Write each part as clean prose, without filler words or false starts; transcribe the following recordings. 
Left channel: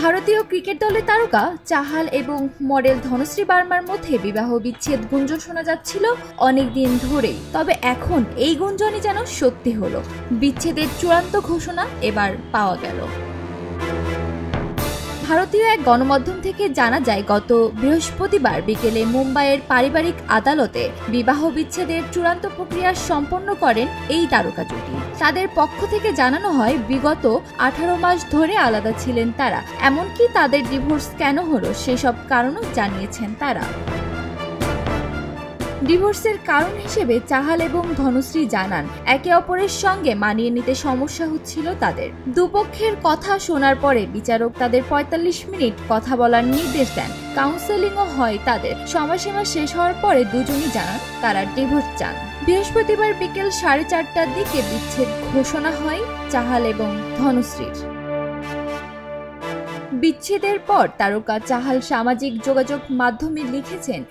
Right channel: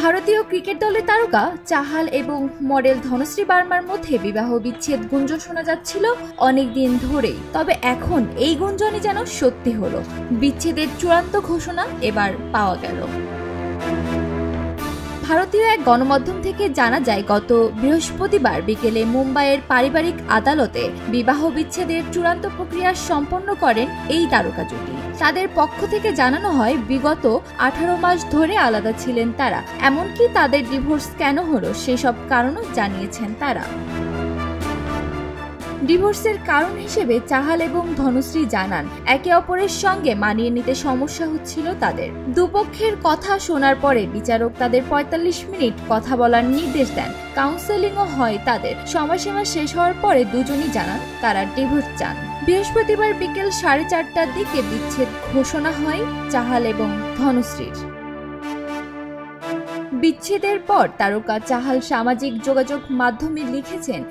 ভারতীয় ক্রিকেট দলের তারকা চাহাল এবং মডেল ধনশ্রী বার্মার মধ্যে বিবাহ বিচ্ছেদ গুঞ্জন শোনা যাচ্ছিল অনেকদিন ধরেই। তবে এখন এই গুঞ্জনই যেন সত্যি হলো। বিচ্ছেদের চূড়ান্ত ঘোষণা এবার পাওয়া গেল। ভারতীয় এক গণমাধ্যম থেকে জানা যায়, গত বৃহস্পতিবার বিকেলে মুম্বাইয়ের পারিবারিক আদালতে বিবাহ বিচ্ছেদের চূড়ান্ত প্রক্রিয়া সম্পন্ন করেন এই তারকা জুটি। তাদের পক্ষ থেকে জানানো হয়, বিগত 18 মাস ধরে আলাদা ছিলেন তারা। এমনকি তাদের ডিভোর্স কেন হলো সেসব কারণও জানিয়েছেন তারা। ডিভোর্সের কারণ হিসেবে চাহাল এবং ধনশ্রী জানান, একে অপরের সঙ্গে মানিয়ে নিতে সমস্যা হচ্ছিল তাদের। দুপক্ষের কথা শোনার পরে বিচারক তাদের 45 মিনিট কথা বলার নির্দেশ দেন। কাউন্সেলিংও হয় তাদের। সময়সীমা শেষ হওয়ার পরে দুজনই জানান তারা ডিভোর্স চান। বৃহস্পতিবার বিকেল 4:30টার দিকে বিচ্ছেদ ঘোষণা হয় চাহাল এবং ধনশ্রীর। বিচ্ছেদের পর তারকা চাহাল সামাজিক যোগাযোগ মাধ্যমে লিখেছেন,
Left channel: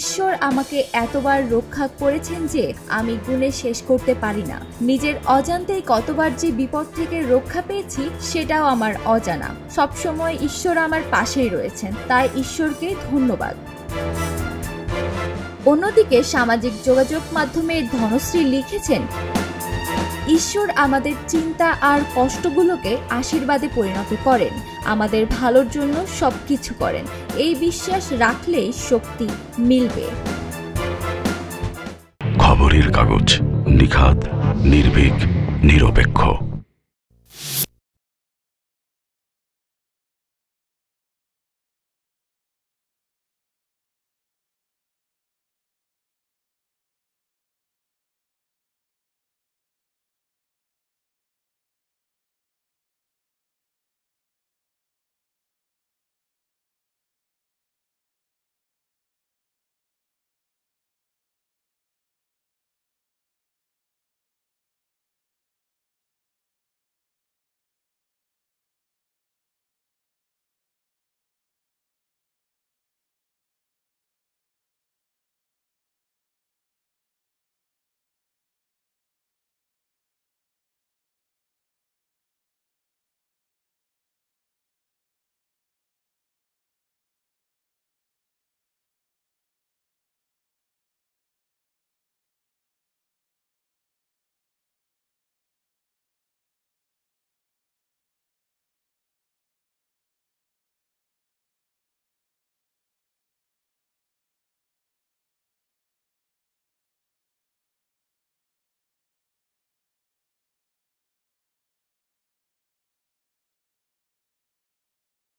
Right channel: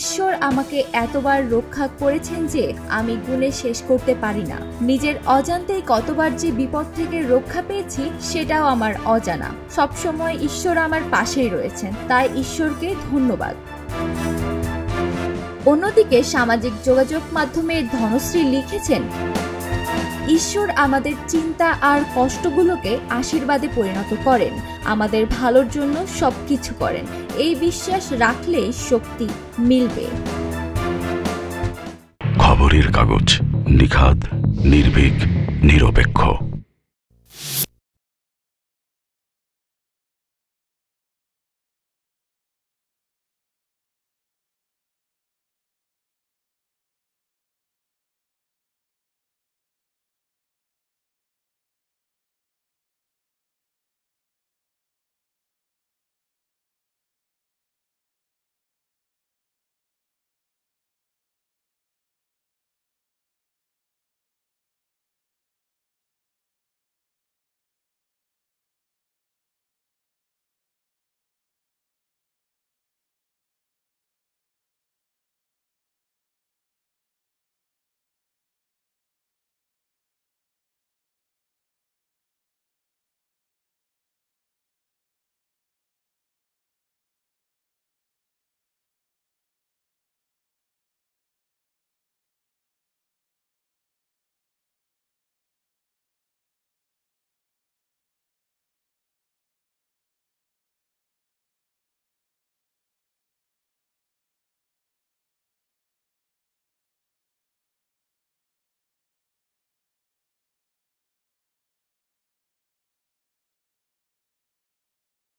ঈশ্বর আমাকে এতবার রক্ষা করেছেন যে আমি গুণে শেষ করতে পারি না। নিজের অজান্তেই কতবার যে বিপদ থেকে রক্ষা পেয়েছি সেটাও আমার অজানা। সবসময় ঈশ্বর আমার পাশেই রয়েছেন, তাই ঈশ্বরকে ধন্যবাদ। অন্যদিকে সামাজিক যোগাযোগ মাধ্যমে ধনশ্রী লিখেছেন, ঈশ্বর আমাদের চিন্তা আর কষ্টগুলোকে আশীর্বাদে পরিণত করেন, আমাদের ভালোর জন্য সবকিছু করেন। এই বিশ্বাস রাখলেই শক্তি মিলবে। খবরের কাগজ, নিখাত, নির্ভীক, নিরপেক্ষ।